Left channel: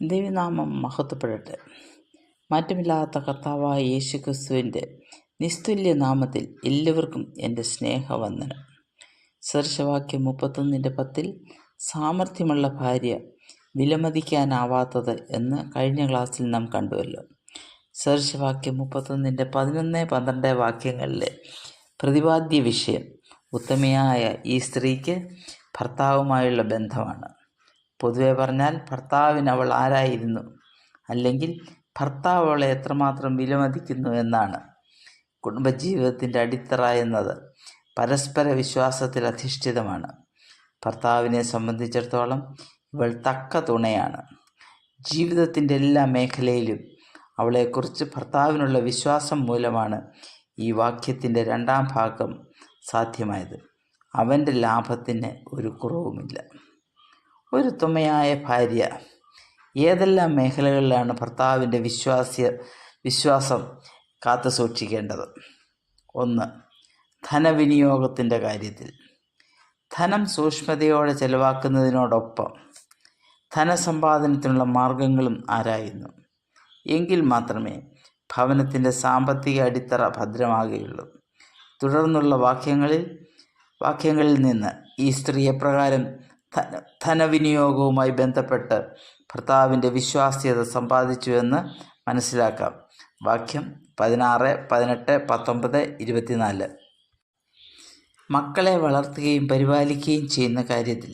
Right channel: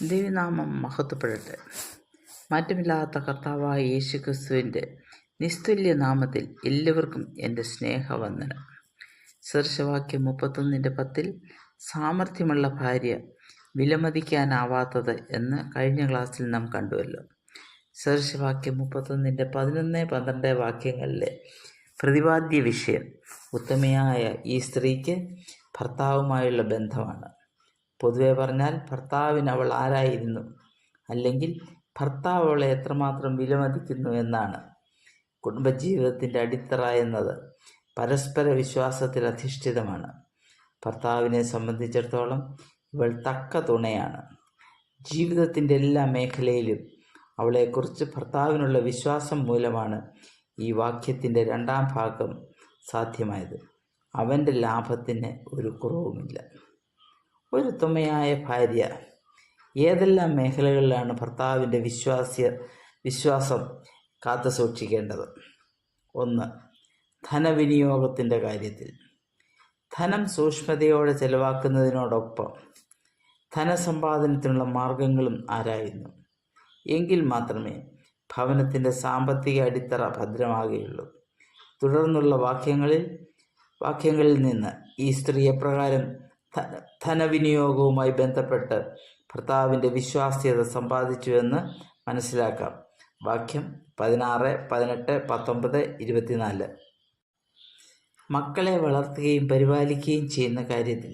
ദൈവനാമം മഹത്വപ്പെടട്ടെ. മാറ്റമില്ലാത്ത കർത്താവായ യേശു ക്രിസ്തുവിൻ്റെ നിസ്തുല്യ നാമത്തിൽ എല്ലാവർക്കും എൻ്റെ സ്നേഹവന്ദനം. സദൃശവാക്യം 31:10 സാമർഥ്യമുള്ള ഭാര്യ വിലമതിക്കാനാവാത്തത് എന്ന് കഴിഞ്ഞ ക്ലാസ്സിൽ നാം കണ്ടുവല്ലോ. സദൃശവാക്യം 31:11-12 വാക്യങ്ങളിലെ പ്രതിപാദ്യ വിഷയം ഉത്തമയായ ഈ സ്ത്രീക്ക് ഭർത്താവുമായുള്ള ബന്ധമാണ്. പൊതുവെ പറഞ്ഞാൽ ഭർത്താവിന് അവൾ ആരായിരുന്നു, അല്ലെങ്കിൽ ഭർത്താവ് അവളെ എത്രമാത്രം വിലമതിക്കുന്നു എന്നാണ്. കുടുംബജീവിതത്തിൻ്റെ അടിത്തറ എന്നത് പരസ്പര വിശ്വാസത്തിൽ അധിഷ്ഠിതമാണ്. ഭർത്താവിനെ സംബന്ധിച്ചിടത്തോളം ഇവൾ തക്ക തുണയാണ്. ജീവിതത്തിൻ്റെ എല്ലാ മേഖലയിലും അവളെക്കുറിച്ച് ഭർത്താവിനുള്ള വിശ്വാസം മൂലമാണ് ഈ വാക്യത്തിൻ്റെ രണ്ടാം ഭാഗം സാധ്യമായത്. അവൻ്റെ ലാഭത്തിന് ഒരു കുറവുമില്ല. ഒരു ഉത്തമയായ ഭാര്യ ഏതെല്ലാം മേഖലകളിലാണ് ഭർത്താവിൻ്റെ വിശ്വാസം കാത്തു സൂക്ഷിക്കേണ്ടത്? 1. ധനവിനിയോഗത്തിൻ്റെ കാര്യത്തിൽ. ധനം സൂക്ഷ്മതയോടെ ചെലവാക്കുന്നതിനോടൊപ്പം ധനസമ്പാദനത്തിനുള്ള മാർഗങ്ങളും ആരായുന്നു. എങ്കിൽ മാത്രമേ ഭവനത്തിൻ്റെ സാമ്പത്തിക അടിത്തറ ഭദ്രമാകുകയുള്ളൂ. തുടർന്നുള്ള വാക്യങ്ങളിൽ നിന്ന് ഈ സ്ത്രീ എപ്രകാരം ധനവിനിയോഗവുമായി ബന്ധപ്പെട്ട് ഭർത്താവിൻ്റെ വിശ്വാസ്യത സമ്പാദിച്ചുവെന്ന് മനസ്സിലാക്കാം. വാക്യം 16, 18, 19, 24. മക്കളെ വളർത്തുകയും പരിപാലിക്കുകയും ചെയ്യുന്ന കാര്യത്തിൽ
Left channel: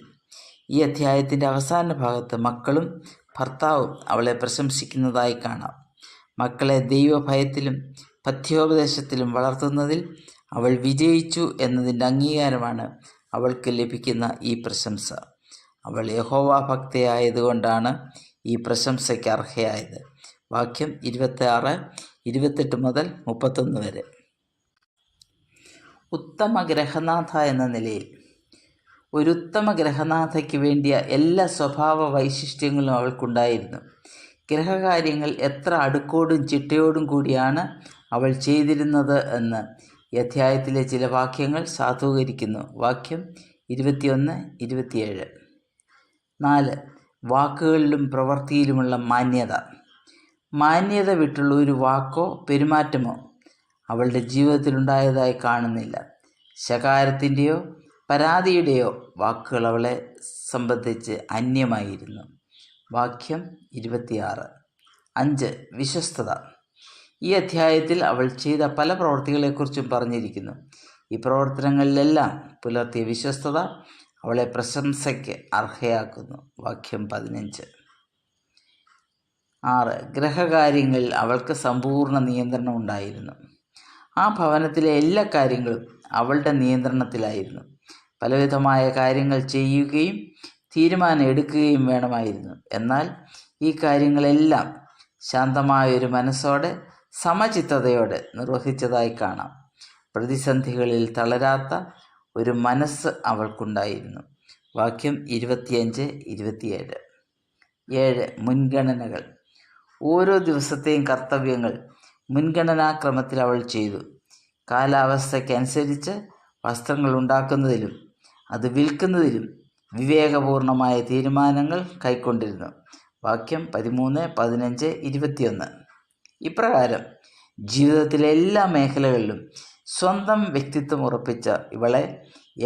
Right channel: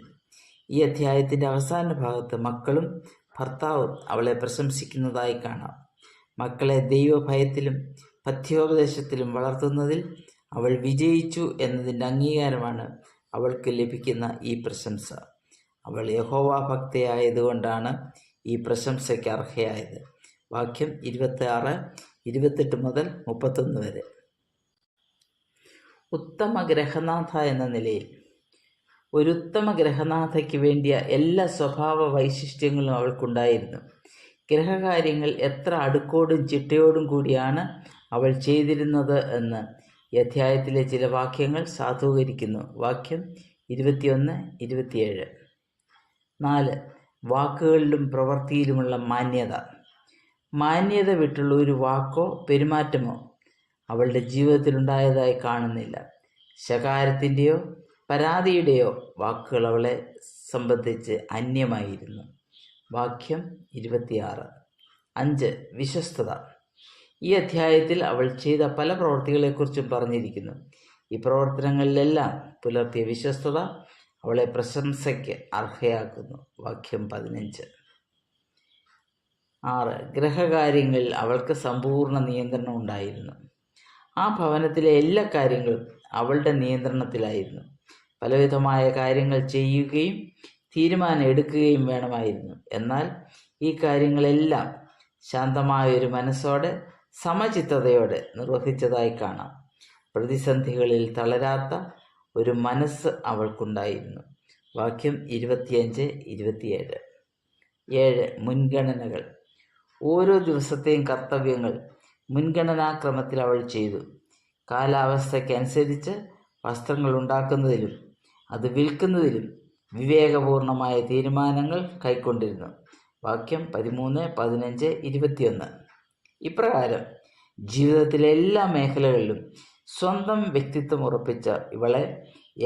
ഈ അധ്യായത്തിൻ്റെ അവസാന ഭാഗത്ത് മക്കളും ഭർത്താവും അവളെ പ്രശംസിക്കുന്നതായി കാണാം. മക്കളെ ദൈവഭയത്തിലും പഥ്യോപദേശത്തിലും വളർത്തുന്നതിൽ അവൾ വിജയിച്ചു എന്നതിൻ്റെ അംഗീകാരമാണ് അവൾക്ക് ലഭിക്കുന്ന ഈ പ്രശംസ. അവൾ യഹോവ ഭക്തയായതുകൊണ്ടാണ് ഈ പ്രശംസയ്ക്ക് അർഹയായത്. വാക്യം 26, 28 മുതൽ 31 വരെ. ഉത്തമ ഗ്രഹനാഥ എന്ന നിലയിൽ ഒരു ഉത്തമ ഗ്രഹനാഥയ്ക്ക് വേണ്ടിയ എല്ലാ സ്വഭാവ വൈശിഷ്ട്യങ്ങളും അവൾക്കുണ്ടായിരുന്നു. ഗ്രഹകാര്യങ്ങൾ എത്ര അടുക്കോടും ചിട്ടയോടും കൂടിയാണ് അവൾ ചെയ്തിരുന്നത് എന്ന് ഈ അധ്യായത്തിലെ ചില വാക്യങ്ങൾ സാധൂകരിക്കുന്നു. വാക്യം 21, 27. 4. വാക്കുകളിലും പ്രവൃത്തിയിലുമുള്ള മാന്യത വിട്ടുള്ള ഒരു വാക്കോ പെരുമാറ്റമോ അവളുടെ ജീവിതത്തിലുണ്ടായതായി കാണുന്നില്ല. ശകാരത്തിൻ്റെയോ പരാതിയുടെയോ വാക്കുകൾ അവളെ സംബന്ധിച്ച് അന്യമായിരുന്നു. വാക്യം 26. 5. വിശ്വസ്തത. ഈ അധ്യായത്തിൽ അവൾ ചെയ്ത പല പ്രവൃത്തികളെക്കുറിച്ചും പറഞ്ഞിരിക്കുന്നു. ഈ പ്രവർത്തനങ്ങളിലെല്ലാം പുലർത്തിയ വിശ്വസ്തത അവളെ പ്രശംസയ്ക്ക് അർഹയാക്കുന്നു. വാക്യം 15. 6. ഗ്രഹകാര്യങ്ങളിൽ അവൾക്ക് സമ്പൂർണ്ണ നിയന്ത്രണം ഉണ്ടായിരുന്നു. ആ ഭവനത്തിലെ എല്ലാ കാര്യങ്ങളും അവളുടെ നിയന്ത്രണത്തിലായിരുന്നു. പലവിധമായ കാര്യങ്ങൾ ചെയ്യുകയും തീരുമാനം എടുക്കുകയും വേണമായിരുന്നു. എന്നാൽ ഈ കാര്യങ്ങളെല്ലാം ശാന്തമായൊരു മനസ്സോടെ സമചിത്തതയോടെ നിർവഹിച്ചതായി കാണാം. പ്രതിസന്ധികളിൽ തളരാത്ത ഒരു മനസ്സ് അവൾക്കുണ്ടായിരുന്നു. വാക്യം 25, 27. 7. മുൻഗണനകൾ. ഓരോ ദിവസത്തെയും കർത്തവ്യങ്ങൾ മുൻഗണനാക്രമത്തിൽ അവൾ ചെയ്തു. കാലാവസ്ഥയ്ക്കനുസരിച്ച് വസ്ത്രങ്ങൾ ഉണ്ടാക്കുന്നതിലും അത് വിൽക്കുന്നതിലും വിവേകപൂർണമായ തീരുമാനങ്ങൾ കൈക്കൊണ്ടിരുന്നു. വാക്യം 13, 15, 21. ഇപ്രകാരം ജീവിതത്തിലെ എല്ലാ മേഖലകളിലും സ്വന്തം വ്യക്തിത്വം ഉറപ്പിച്ച ഇവളെ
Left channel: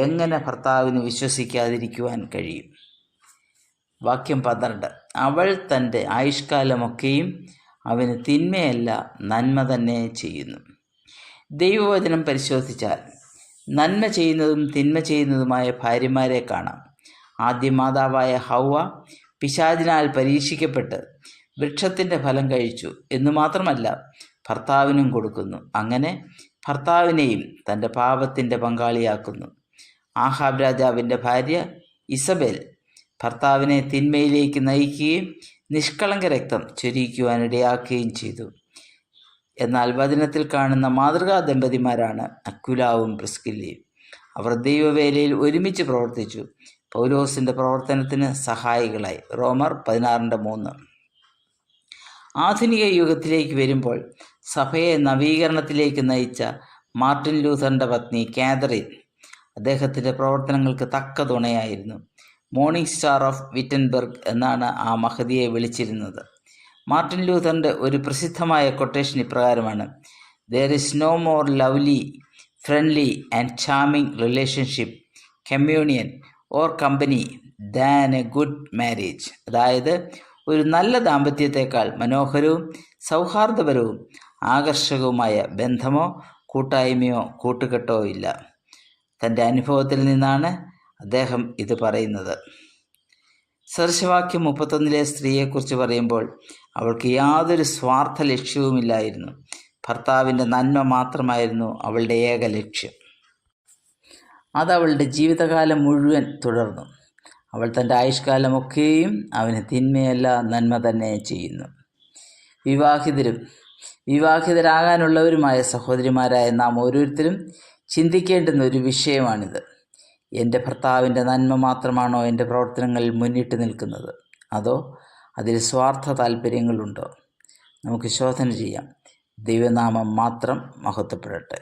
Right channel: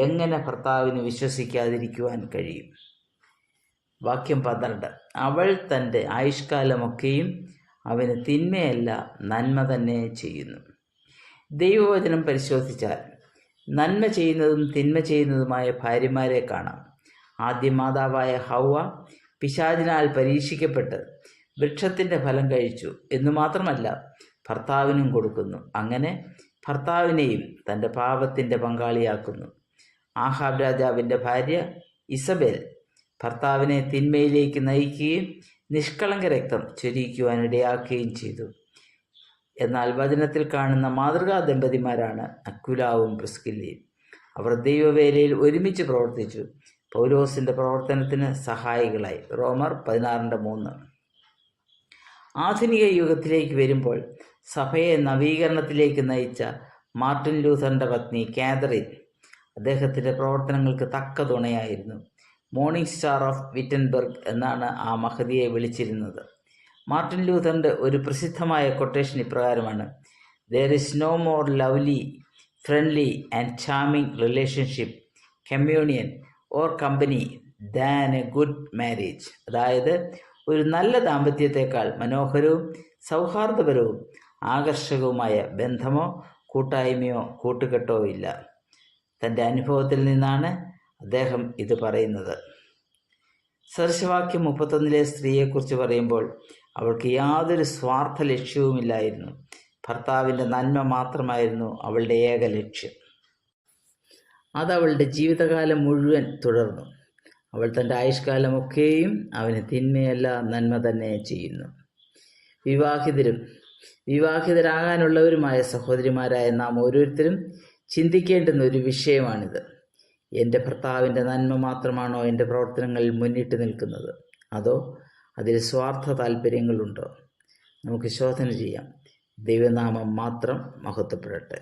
എങ്ങനെ ഭർത്താവിന് വിശ്വസിക്കാതിരിക്കുവാൻ കഴിയും? വാക്യം 12. അവൾ തൻ്റെ ആയുഷ്കാലമൊക്കെയും അവന് തിന്മയല്ല നന്മ തന്നെ ചെയ്യുന്നു. ദൈവവചനം പരിശോധിച്ചാൽ നന്മ ചെയ്യുന്നതും തിന്മ ചെയ്യുന്നതുമായ ഭാര്യമാരെ കാണാം. ആദ്യ മാതാവായ ഹൗവ പിശാചിനാൽ പരീക്ഷിക്കപ്പെട്ട് വൃക്ഷത്തിൻ്റെ ഫലം കഴിച്ചു എന്നു മാത്രമല്ല ഭർത്താവിനും കൊടുക്കുന്നു. അങ്ങനെ ഭർത്താവിനെയും തൻ്റെ പാപത്തിൻ്റെ പങ്കാളിയാക്കുന്നു. ആഹാബ് രാജാവിൻ്റെ ഭാര്യ ഇസബേൽ ഭർത്താവിനെ തിന്മയിലേക്ക് നയിക്കുകയും നിഷ്കളങ്ക രക്തം ചൊരിയിക്കുവാനിടയാക്കുകയും ചെയ്തു. എന്നാൽ വചനത്തിൽ കാണുന്ന മാതൃകാ ദമ്പതിമാരാണ് അക്വിലാവും പ്രിസ്കില്ലയും. അവർ ദൈവവേലയിൽ ഒരുമിച്ച് പ്രവർത്തിച്ചു. പൗലോസിൻ്റെ പ്രവർത്തനത്തിന് സഹായികളായി. റോമർ 16:3. ആധുനിക യുഗത്തിലേക്ക് വരുമ്പോൾ സഭയെ നവീകരണത്തിലേക്ക് നയിച്ച മാർട്ടിൻ ലൂഥറിൻ്റെ പത്നി കാതറിൻ അദ്ദേഹത്തിൻ്റെ പ്രവർത്തനങ്ങൾക്ക് തക്ക തുണയായിരുന്നു. മോർണിംഗ് സ്റ്റാർ ഓഫ് വിറ്റൻബർഗ് എന്നാണ് ആ മഹതിയെ വിളിച്ചിരുന്നത്. മാർട്ടിൻ ലൂഥറിൻ്റെ ഒരു പ്രസിദ്ധമായ കൊട്ടേഷൻ ഇപ്രകാരമാണ്: "there is no more lovely, friendly and charming relationship, communion or company than a good marriage." അതായത്, ഒരു നല്ല ദാമ്പത്യത്തെക്കാൾ മനോഹരവും സൗഹാർദ്ദപരവും ആകർഷകവുമായ ബന്ധമോ കൂട്ടായ്മയോ കൂട്ടുകെട്ടോ ഇല്ല. തൻ്റെ അനുഭവത്തിൽ നിന്നാണ് അദ്ദേഹം ഇത് പറയുന്നത്. സദൃശവാക്യം 31 സ്ത്രീയെക്കുറിച്ച് പറയുമ്പോൾ അവൾക്ക് യാതൊരു സ്വാർത്ഥ ലക്ഷ്യവുമില്ലായിരുന്നു. ഭർത്താവിൻ്റെ നന്മ മാത്രമായിരുന്നു അവളുടെ ഏക ലക്ഷ്യം. അതവളുടെ ജീവിതകാലം മുഴുവൻ തുടർന്നു. അവൾ തൻ്റെ ആയുഷ്കാലമൊക്കെയും അവന് തിന്മയല്ല നന്മ തന്നെ ചെയ്യുന്നു. വിവാഹിതരാകാനുള്ളവരുമായ സഹോദരിമാരായ നാം ഓരോരുത്തരും ചിന്തിക്കേണ്ടുന്ന ഒരു വിഷയമാണിത്. എൻ്റെ ഭർത്താവിൻ്റെ നന്മ മാത്രമാണോ എൻ്റെ പ്രവർത്തനങ്ങളിൽ മുന്നിട്ട് നിൽക്കുന്നത്, അതോ അതിൽ സ്വാർത്ഥ താല്പര്യങ്ങളുണ്ടോ? നമുക്ക് ശോധന ചെയ്യാം. ദൈവനാമം മാത്രം മഹത്വപ്പെടട്ടെ.